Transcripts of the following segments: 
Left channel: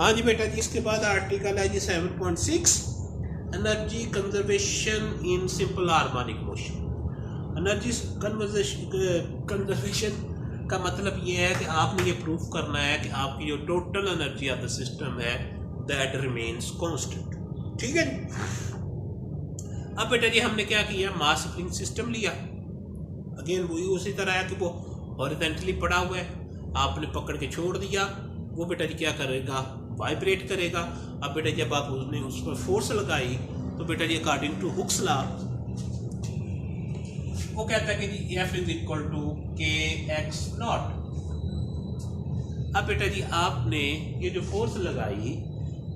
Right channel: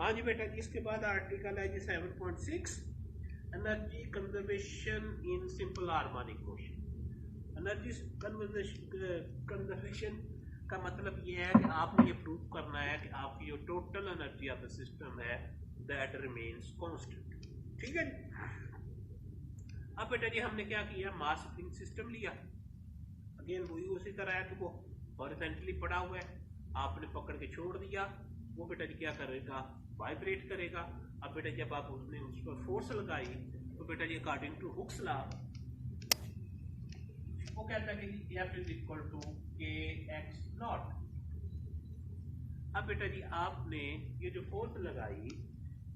हाँ जी बेटा जी, इसके बाद आर्टिकल है जी 7.6 energy conservation in simple harmonic motion. Energy conservation का मतलब ये है कि आपने ये प्रूफ करना है कि आपकी जो total energy of the system है दैट रिमेन्स कांस्टेंट। ठीक है जी। अब बेटा जी हमने क्या किया, मास स्प्रिंग सिस्टम लिया। अगेन वही उसी तरह है कि वो हॉरिजॉन्टली पड़ा हुआ है, आपने पकड़ के छोड़ दिया, वो बेटा जी क्या करेगा, वाइब्रेट करेगा। अब बेटा जब आप उसने उस पर फोर्स लगाई तो बेटा जी अकॉर्डिंग टू हुक्स लॉ वो कहता है कि जी F इज इक्वल टू के एक्स नॉट। अब बेटा जी आपने ये जो फोर्स लगाई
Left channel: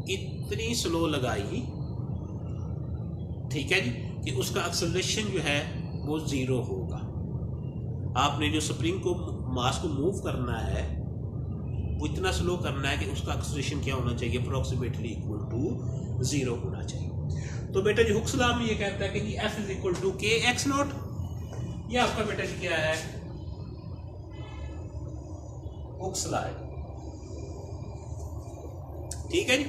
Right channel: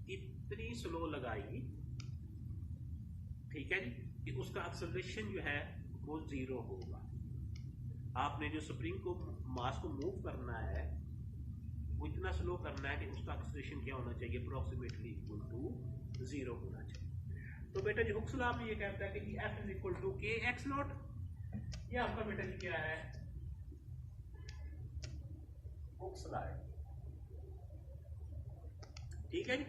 इतनी स्लो लगाई, ठीक है जी, कि उसका एक्सेलरेशन जो है वो जीरो होगा। आपने जो स्प्रिंग को मास को मूव करना है वो इतना स्लो करना है कि उसका एक्सेलरेशन क्या होना चाहिए, अप्रोक्सीमेटली इक्वल टू जीरो होना चाहिए। तो बेटा जी हुक्स लॉ में ये कहता है कि जी F इज इक्वल टू के एक्स नॉट। ये आपका बेटा जी क्या है, हुक्स लॉ है। ठीक है जी।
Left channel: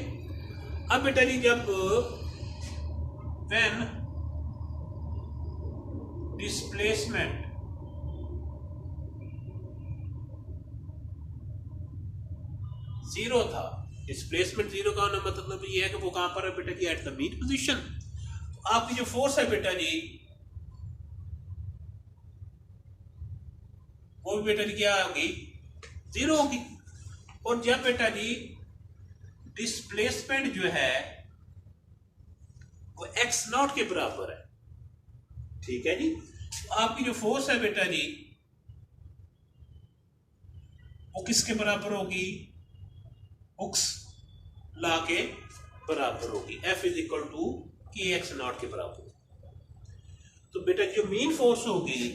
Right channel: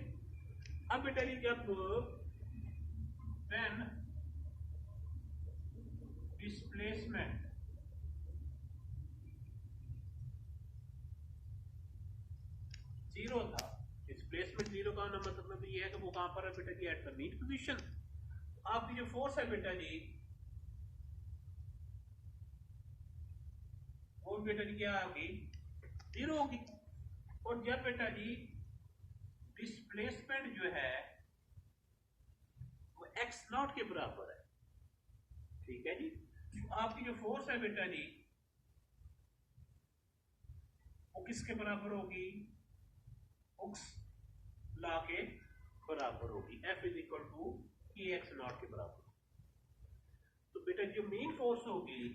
अब बेटा जी जब व्हेन डिस्प्लेसमेंट जीरो था, डिस्प्लेसमेंट जीरो का मतलब ये है कि वो कहां पर है बेटा जी, एट द मीन पोजीशन। तो आपकी जो फोर्स है बेटा जी वो भी बेटा जी क्या होगी, जीरो होगी। और जब बेटा जी डिस्प्लेसमेंट जो है वो एक्स नॉट के बराबर है, ठीक है जी, तो आपकी जो फोर्स है बेटा जी वो किसके बराबर होगी, हुक्स लॉ के बराबर होगी। F इज इक्वल टू के एक्स नॉट के बराबर। तो बेटा जो मेन फोर्स होगी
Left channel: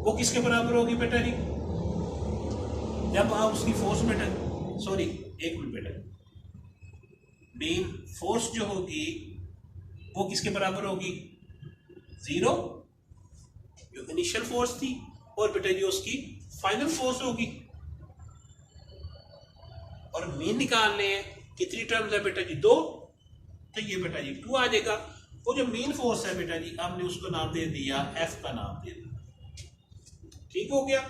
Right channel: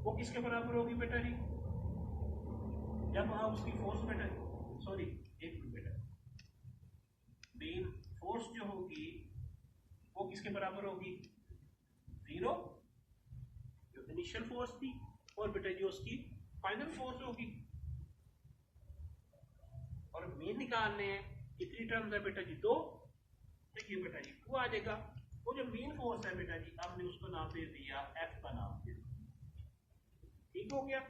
वो किसके बराबर होगी बेटा जी, जब आप उसकी फोर्स बेटा, सॉरी एक मिनट बेटा, मेन फोर्स जो होगी वो किसके बराबर होगी, जीरो जो इनिशियल फोर्स थी, और बेटा जी उसकी फाइनल फोर्स होगी। और मीन निकालने हैं, कितनी टर्म्स है बेटा जी, दो, तो ये बेटा जी टू आ जाएगा। वो जो मेन फोर्स है बेटा जी हमने उसको नाम दे दिया, एफ का नाम दे दिया, ठीक हो गया।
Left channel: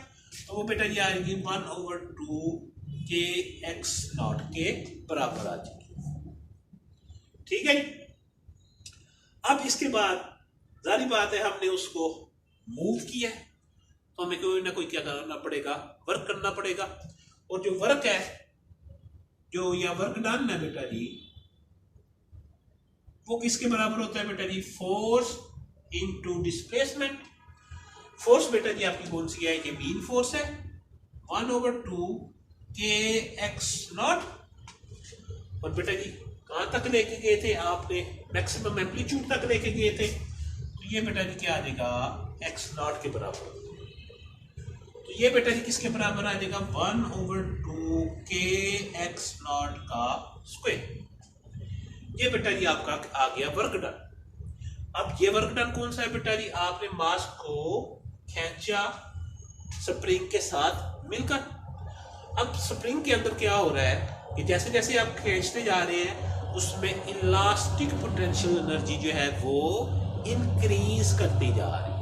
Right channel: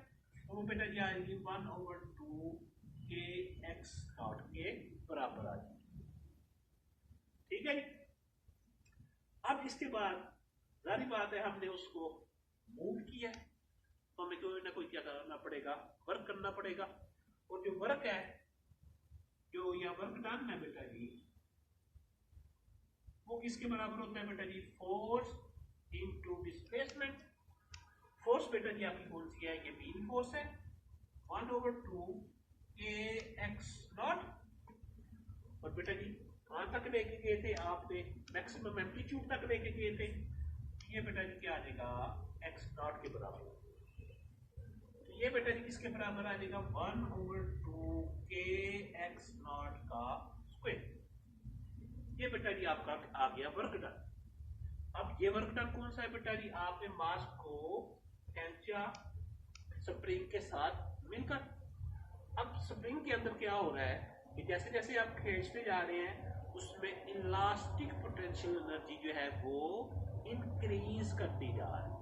तो वो बेटा जी आएगी 1/2 के एक्स नॉट के बराबर आ जाएगी। ठीक है। अब इसके बाद जारी बात है हमने उसको मूव किया है तो हमें कोई ना कोई क्या करना पड़ेगा, वर्क करना पड़ेगा। और जो वर्क है, जो यहाँ वर्क डन है बेटा जी, वो किसके बराबर होता है बेटा जी, फोर्स इनटू डिस्प्लेसमेंट। फोर्स बेटा जी आपकी कौन सी है, ये मीन फोर्स है, 1/2 के एक्स नॉट। और बेटा जी कहां तक लेके गए थे आपने, मैक्सिमम एम्पलीट्यूड तक लेके गए थे, तो ये बेटा जी क्या आ जाएगा, एक्स नॉट के बराबर। तो ये बेटा जी किसके बराबर आ जाएगा, 1/2 के एक्स नॉट का स्क्वायर। ये बेटा जी आपका आ गया वर्क डन। अब ये वर्क डन कौन सा है बेटा जी, आपने मास को खींचा स्प्रिंग के साथ मिलकर। अब स्प्रिंग के अंदर क्या हो रहा है कि जैसे जैसे आप खींचते जा रहे हैं उसमें इलास्टिक पोटेंशियल एनर्जी जो है वो इंक्रीज करती जा रही है।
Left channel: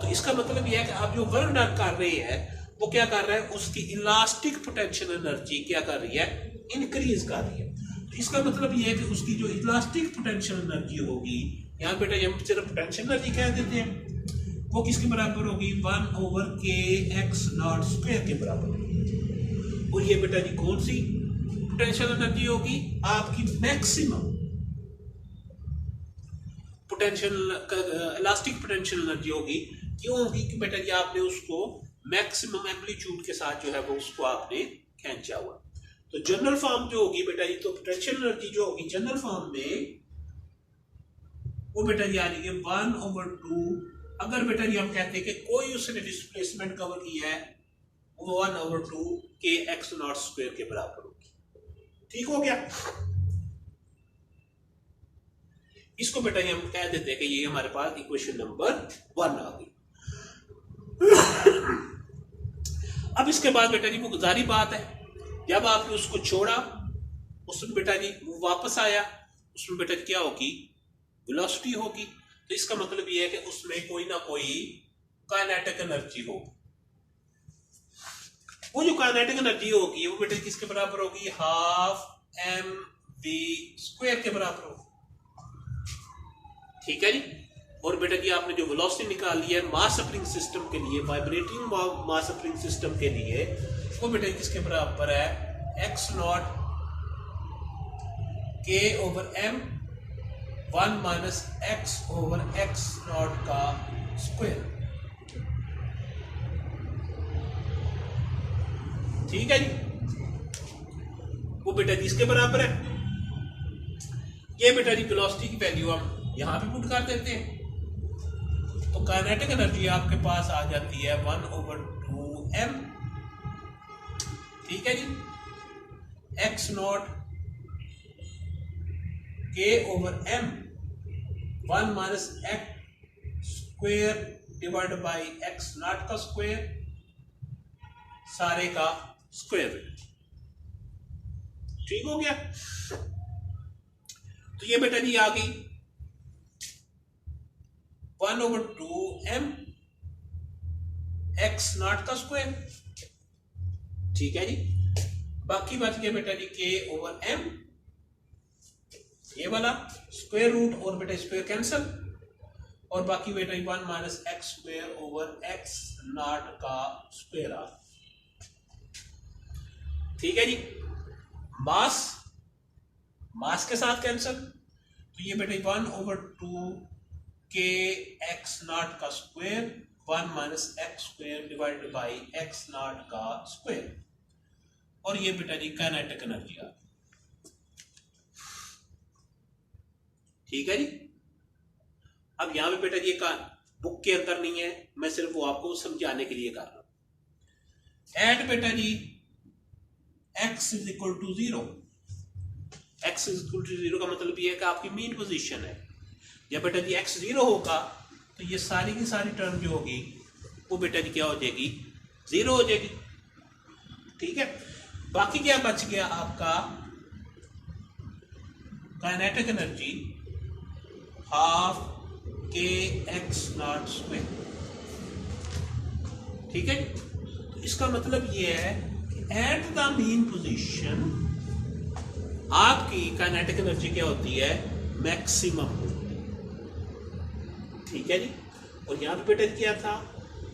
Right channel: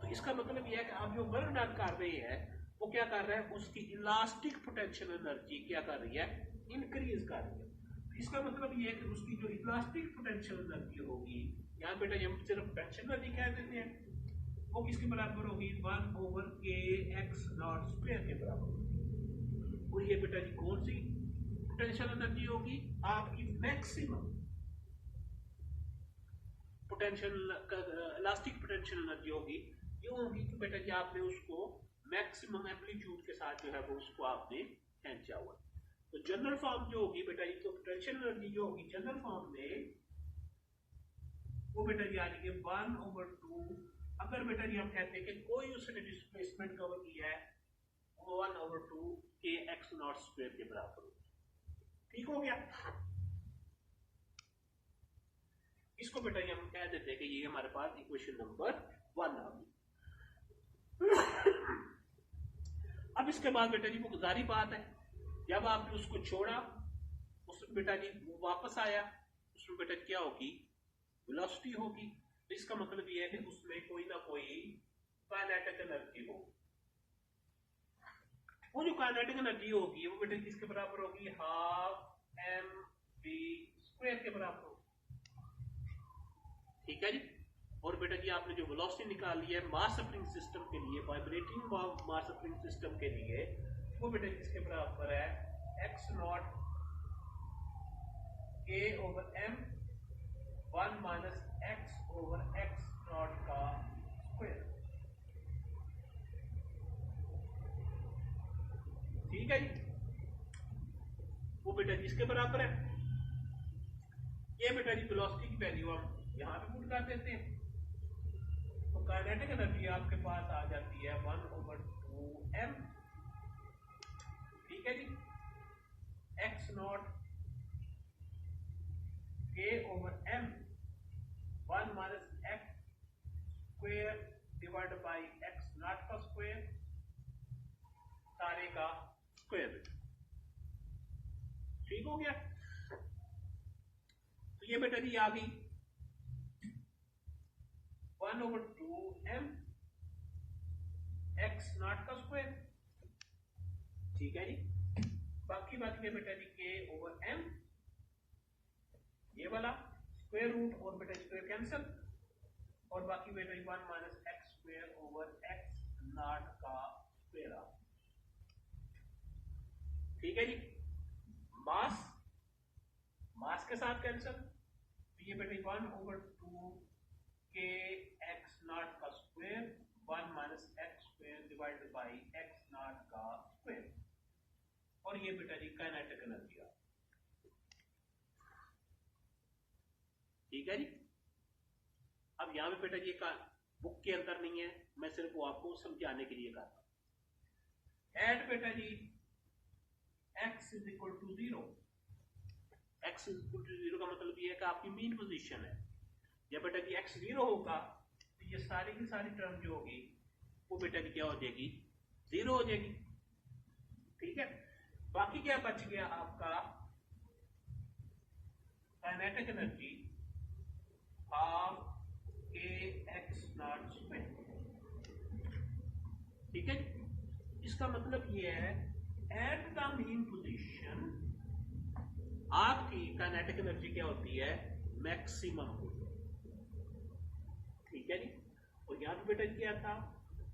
तो इसका मतलब यह है कि आप जो वर्क डन कर रहे हैं वो क्या कर रहा है, उसकी इलास्टिक पोटेंशियल एनर्जी क्या कर रही है, इंक्रीज कर रही है। तो इसका मतलब यह है कि उसकी जो इलास्टिक पोटेंशियल एनर्जी होगी, यहाँ बेटा हम सिर्फ पोटेंशियल एनर्जी कह देते हैं, वो किसके बराबर होगी, 1/के एक्स नॉट स्क्वायर के बराबर। और ये बेटा जी कौन सी पोटेंशियल एनर्जी होगी, आपकी maximum potential elastic potential energy होगी। क्यों होगी कि बेटा जी आपने उसको मैक्सिमम एम्पलीट्यूड के साथ जो है वो उसको आपने खींचा हुआ। तो जनरल फॉर्म जो होगी बेटा जी, तो पोटेंशियल एनर्जी जो होगी जनरल फॉर्म में वो बेटा जी आ रही है 1/2। अगर बेटा जी हम कहते हैं कि कोई उसने डिस्प्लेसमेंट कवर किया है, वो 1/2 के एक्स नॉट स्क्वायर के बराबर होगी। ठीक हो गया। इसको बेटा जी हम कह देते हैं कि ये हमारे पास इक्वेशन नंबर 1 आ गई। अब इसके बाद बेटा जी वो जारी बात है, जब आपने उसको छोड़ा उसमें बेटा जी वो वापस आया, उसमें बेटा जी क्या होगी, वेलोसिटी होगी। तो इसका मतलब ये है कि उसमें कोई ना कोई काइनेटिक एनर्जी हो। वो जो काइनेटिक एनर्जी होगी वो बेटा किसके बराबर होगी, हाफ mv² के बराबर होगी। ठीक है जी। और बेटा जी आपने जो वेलोसिटी निकाली है मास स्प्रिंग सिस्टम के लिए, वाइब्रेटिंग मास स्प्रिंग सिस्टम के लिए, वो बेटा किसके बराबर है, x0 k/m 1 - x/x0 का स्क्वायर। ठीक है जी। वो बेटा जी इसके बराबर है। ये बेटा जी वेलोसिटी की वैल्यू हम यहां पे पुट कर देते हैं, तो काइनेटिक एनर्जी आपके पास आ जाती है 1/2m। ठीक है जी। x0 k/m 1 - x² divide by x0 का स्क्वायर, सारे का स्क्वायर। ठीक हो गया। तो ये बेटा जी आ गई 1/2m x0 का स्क्वायर। ठीक है जी। बाकी बच गया बेटा जी k/m, ये वाला स्क्वायर रूट, और बेटा स्क्वायर कैंसल, और बाकी बेटा जी 1 - x² का स्क्वायर आ। ठीक है जी। मास के साथ कैंसल, तो ये बेटा 1/2 kx0 का square 1 - x² divided by x0 का स्क्वायर, और ये बेटा जी काइनेटिक एनर्जी आ। ठीक है जी। अब यहां पे बेटा जी का बुक के अंदर नहीं है, मैं सिर्फ वो आपको समझाने के लिए कर रहा हूं। एट बेटा जी x = 0। x = 0 का मतलब ये है कि आपकी मीन पोजीशन है। जब बेटा जी x 0 होगा तो ये सारी की सारी टर्म जो होगी वो बेटा जी क्या हो जाएगी, 0 हो जाएगी। ठीक है। बाकी क्या बच गया आपका, काइनेटिक एनर्जी हाफ kx0²। ठीक है। तो इसका मतलब ये है कि एट द मीन पोजीशन आपकी काइनेटिक एनर्जी क्या होती है, मैक्सिमम होती है। ठीक है जी। और यहां पे बेटा क्या था,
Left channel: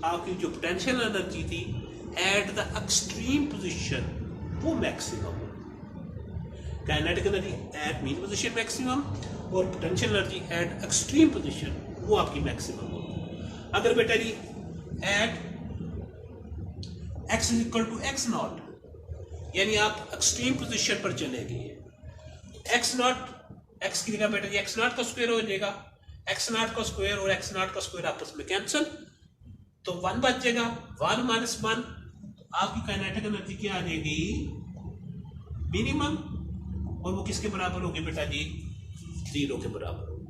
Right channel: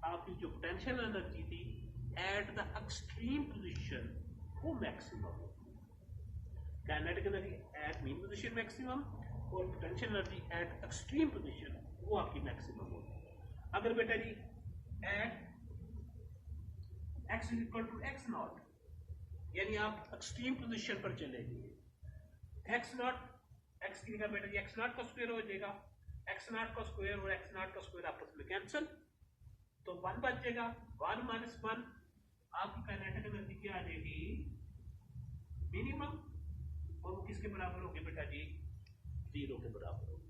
आपकी जो पोटेंशियल एनर्जी थी एट द एक्सट्रीम पोजीशन वो मैक्सिमम होती। Kinetic energy at mean position maximum, और potential energy at extreme position वो आपकी मैक्सिमम होती। अगर बेटा जी एट x = x0 यानी आप एक्सट्रीम पोजीशन पर चले गए, x0 x की जगह बेटा जी x0 का स्क्वायर हो जाएगा, x0 का स्क्वायर और x0 का स्क्वायर आपस में कैंसिल, तो 1 बच जाएगा। 1 - 1 आपकी काइनेटिक एनर्जी क्या आ जाएगी, मिनिमम, और वो किसके बराबर होगी बेटा जी, 0 के बराबर होगी।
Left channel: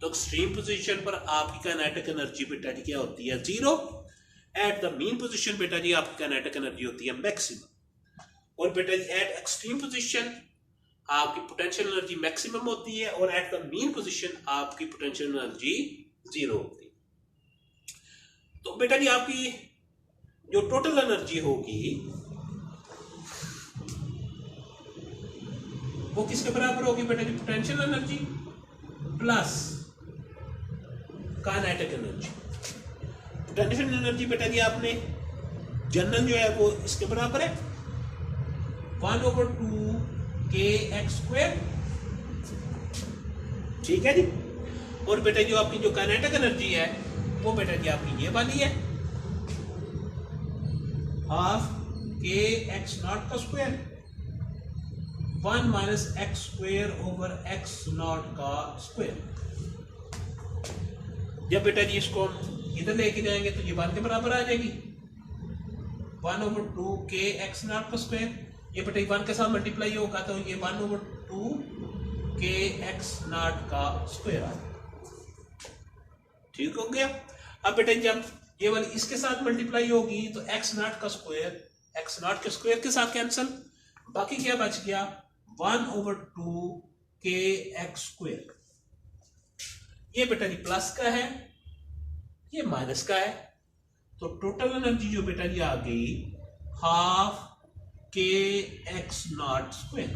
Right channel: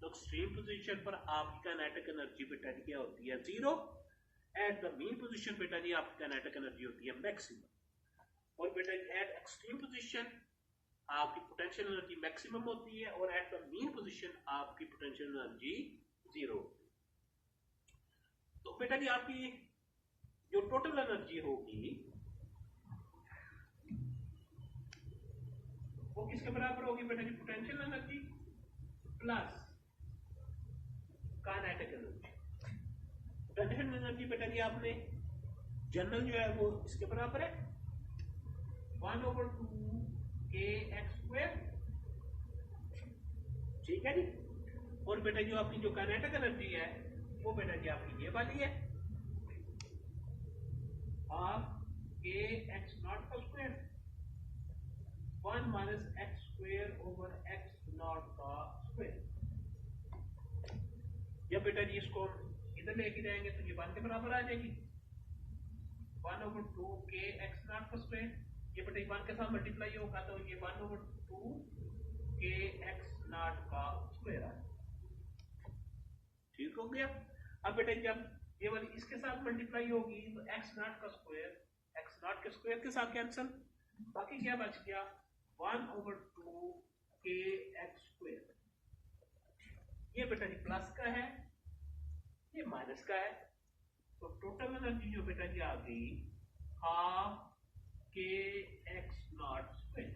तो एक्सट्रीम पोजीशन पर आपकी काइनेटिक एनर्जी बेटा जी क्या होती है, 0। एट द मीन पोजीशन बेटा जी आपकी काइनेटिक एनर्जी होती है मैक्सिमम, और बेटा जी एट एक्सट्रीम पोजीशन आपकी पोटेंशियल एनर्जी मैक्सिमम होती है, और एट द मीन पोजीशन आपकी पोटेंशियल एनर्जी 0 होती है। तो बेटा जी आपकी जो टोटल एनर्जी होगी वो किसके बराबर होगी बेटा जी, potential energy plus kinetic energy. Potential energy बेटा जी आपने जनरल जो है वो इसके बराबर है 1/2 kx²। ठीक है जी। और बेटा जो आपकी जो काइनेटिक एनर्जी है वो बेटा जी आपकी ये वाली है, हाफ kx0 का स्क्वायर 1 - x² का स्क्वायर। जब बेटा जी इसको हम इधर लेके जाएंगे तो ये 1 के बराबर आ जाएगी, 1/2 kx0 का स्क्वायर। ये बेटा 1 के साथ मल्टीप्लाई होगा तो ये 1/2 kx0 का स्क्वायर आ जाएगा। ठीक हो गया। अब बेटा जब ये वाली इसके साथ मल्टीप्लाई होगी तो एक्स नॉट का स्क्वायर एक्स नॉट के स्क्वायर के साथ कैंसिल, बाकी क्या बच गया 1/2 के एक्स स्क्वायर। ये बेटा जी प्लस का है, ये माइनस का है, तो टोटल एनर्जी जो बेटा जी आ गई हाफ के एक्स नॉट स्क्वायर।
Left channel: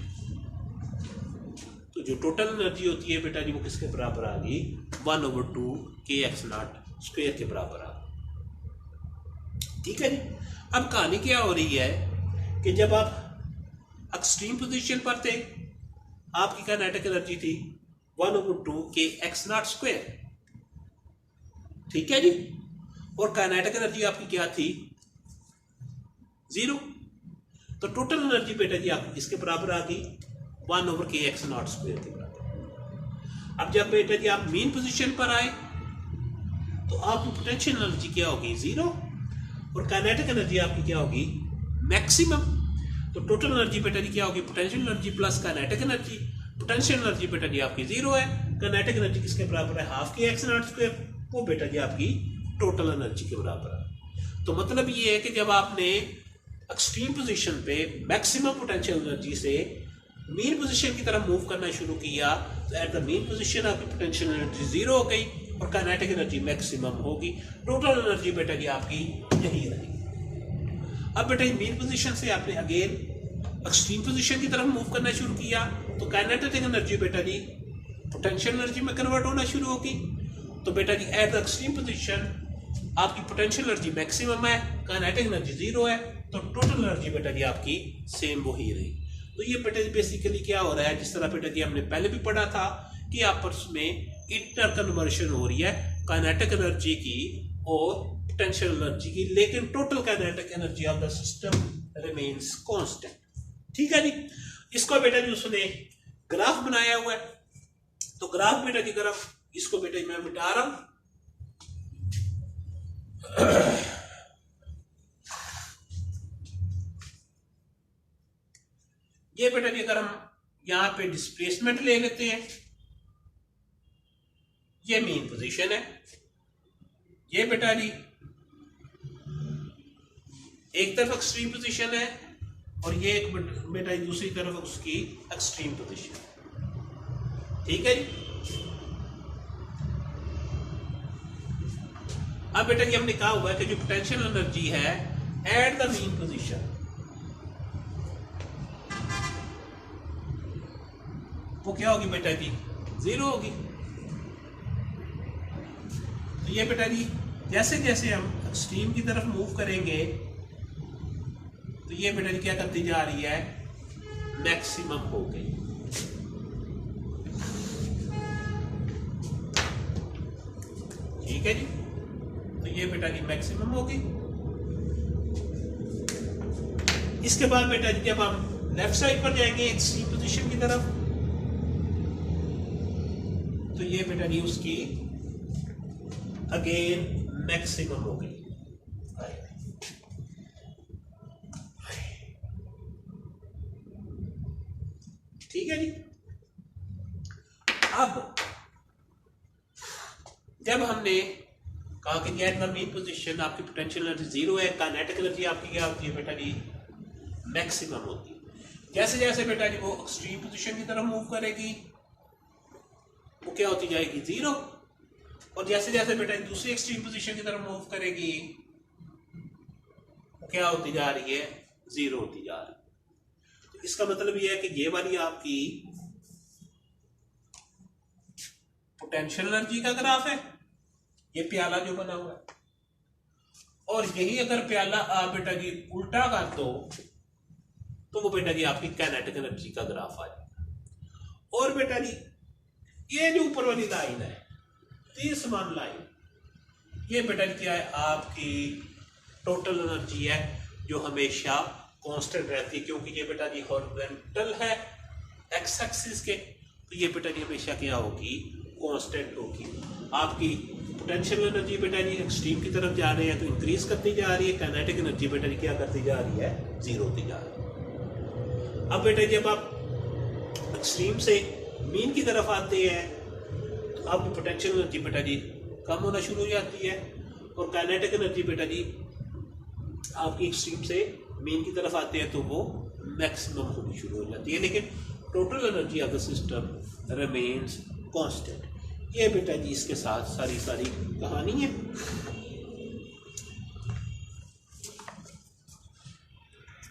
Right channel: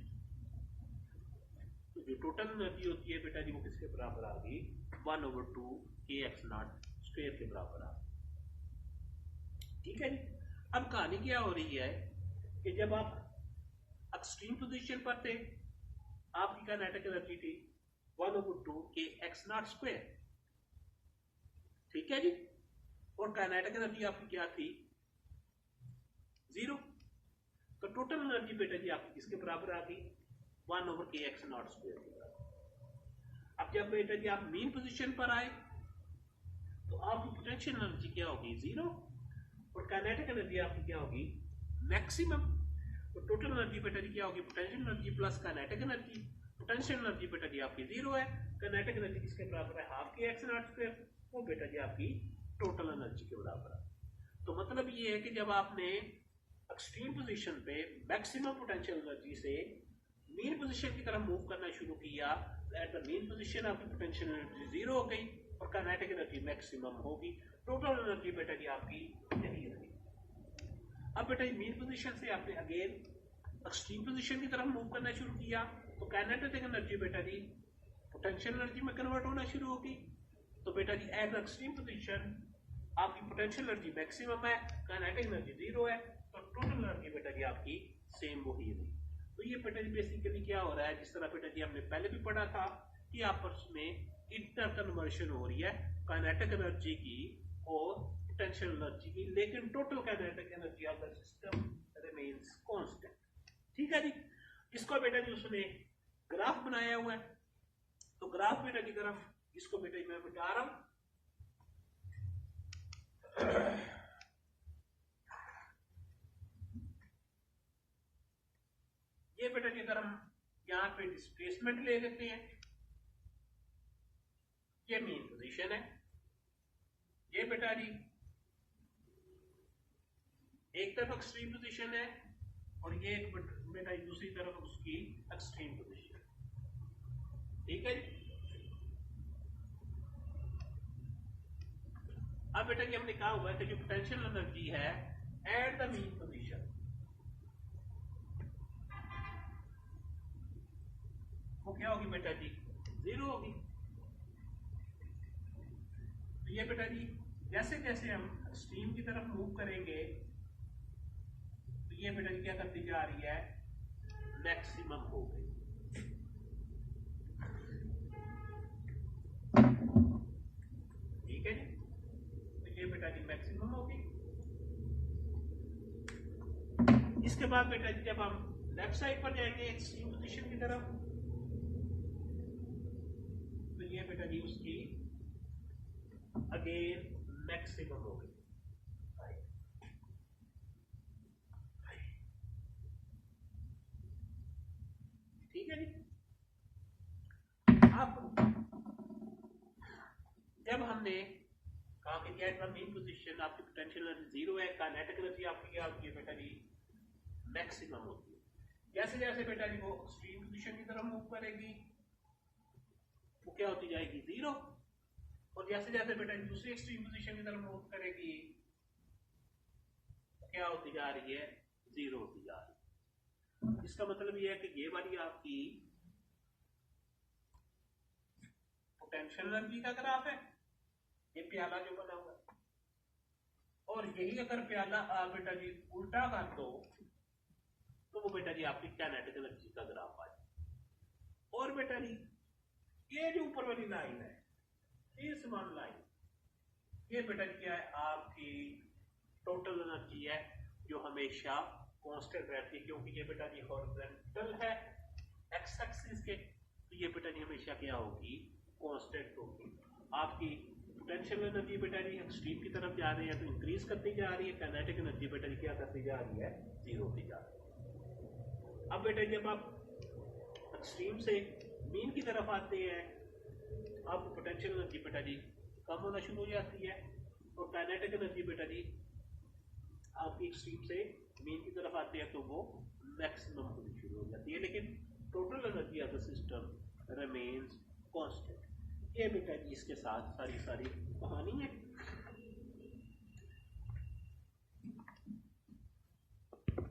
तो जो टोटल एनर्जी होती है बेटा जी वो किसके बराबर आ गई 1/2 के एक्स नॉट स्क्वायर के बराबर आ गई। ठीक है जी। अब कहानी क्या हो रही है कि जब आप एक्सट्रीम पोजीशन पर थे आपकी काइनेटिक एनर्जी थी 1/2 के एक्स नॉट स्क्वायर। ठीक है जी। और काइनेटिक एनर्जी आपकी क्या थी 0। तो टोटल एनर्जी बेटा जी आपकी किसके बराबर आ गई 1 के एक्स नॉट स्क्वायर के बराबर। अब जब बेटा जी आप मीन पोजीशन पर आए तो आपकी पोटेंशियल एनर्जी क्या होगी 0 और काइनेटिक एनर्जी आपकी क्या होगी मैक्सिमम। तो टोटल एनर्जी बेटा जी क्या होगी potential energy plus kinetic energy. Potential energy बेटा जी आपकी 0 है, काइनेटिक एनर्जी किसके बराबर है हाफ के एक्स नॉट स्क्वायर, वो बेटा जी आपकी टोटल एनर्जी के बराबर है। तो मतलब ये है कि जब आपने एक्सट्रीम पोजीशन पे मैक्सिमम पोटेंशियल एनर्जी से मीन पोजीशन की तरफ मूव करना शुरू किया तो एट द मीन पोजीशन आपकी पोटेंशियल एनर्जी 0 हो गई और काइनेटिक एनर्जी मैक्सिमम होगी। टोटल एनर्जी बेटा जी आपकी यही रहेगी। अब बेटा मीन पोजीशन से आपने अगेन एक्सट्रीम पोजीशन की तरफ मूव करना शुरू किया तो काइनेटिक एनर्जी बेटा जी पोटेंशियल एनर्जी में कन्वर्ट होना शुरू होगी। तो बेटा जी एट द एक्सट्रीम पोजीशन आपकी पोटेंशियल एनर्जी मैक्सिमम है, काइनेटिक एनर्जी 0 है, तो टोटल एनर्जी बेटा जी आपकी सेम वही रही। तो ये बेटा जी बेसिकली क्या हो रहा है जिस तरह बेटा जी हमने पहले भी पढ़ा था कि आपस में इंटर कन्वर्शन हो रही है काइनेटिक एनर्जी की और पोटेंशियल एनर्जी की, लेकिन total kinetic energy of the system remains constant. ठीक है जी। इसको बेटा जी उसने ग्राफ बनाया हुआ है, तो ग्राफ बेटा जी ग्राफ इसको बेटा जी मैं मिटा रहा हूं। ये बेटा जी अगर हम यहां पे डिस्प्लेसमेंट ले लेते हैं, ये मेन पोजीशन है, ये बेटा जी एक तरफ एक्सट्रीम पोजीशन है और ये एक बेटा जी दूसरी तरफ उसकी एक्सट्रीम पोजीशन। ठीक है जी। अब बेटा जी हमने कहा हुआ है कि जो पोटेंशियल एनर्जी है एट द मीन पोजीशन वो क्या होगी बेटा जी 0 होगी। तो ये बेटा जी जैसे जैसे हम एक्सट्रीम की तरफ मूव करेंगे तो ये बेटा जी क्या करती जा रही है मैक्सिमम हो गई। ठीक है जी। तो ये बेटा जी मैक्सिमम हो गई। इसके बाद बेटा जी जब हम लेफ्ट साइड पर जाएंगे एक्सट्रीम पोजीशन की तरफ तो ये बेटा जी उसकी अगेन मैक्सिमम हो गई। ठीक है जी। अब जब हमने कहा कि एट द मीन पोजीशन आपकी पोटेंशियल एनर्जी 0 है, काइनेटिक एनर्जी आपकी क्या होती है बेटा जी मैक्सिमम होती है। जैसे जैसे बेटा जी वो एक्सट्रीम पोजीशन की तरफ मूव करेगी वो क्या होती जाएगी 0, और जैसे जैसे बेटा दूसरी एक्सट्रीम पोजीशन की तरफ मूव करेगी वो क्या होती जा रही है 0 होती जा रही है। तो इसका मतलब ये है कि ये वाली आपकी पोटेंशियल एनर्जी का ग्राफ है, ये प्याला जो बना हुआ है, और यही अगर प्याला आप बेटा जी उल्टा कर दो तो वो बेटा जी आपकी काइनेटिक एनर्जी का ग्राफ आ जाएगा। और बेटा जी ये जो ऊपर वाली लाइन है 30मान लाइन, ये बेटा जी क्या है आपकी टोटल एनर्जी है जो हमेशा कांस्टेंट रहती है, क्योंकि ये बेटा जी हॉरिजॉन्टल है एक्स एक्सिस के, तो ये बेटा जी हमेशा क्या होगी कांस्टेंट होगी। आपकी पोटेंशियल एनर्जी बेटा जी एक्सट्रीम की तरफ जा रही है तो इंक्रीज करती जा रही है, काइनेटिक एनर्जी बेटा जी क्या करती जा रही है 0 होती जा रही है। अब बेटा जब आप एक्सट्रीम से मीन की तरफ आते हैं तो आपकी पोटेंशियल एनर्जी बेटा जी कम होना शुरू हो जाती है, और काइनेटिक एनर्जी बेटा जी आपकी एक्सट्रीम से मेन की तरफ आते हैं तो वो मैक्सिमम होनी शुरू हो जाती है, लेकिन total energy of the system remains constant. ये बेटा जी इसके साथ सारी कहानी है।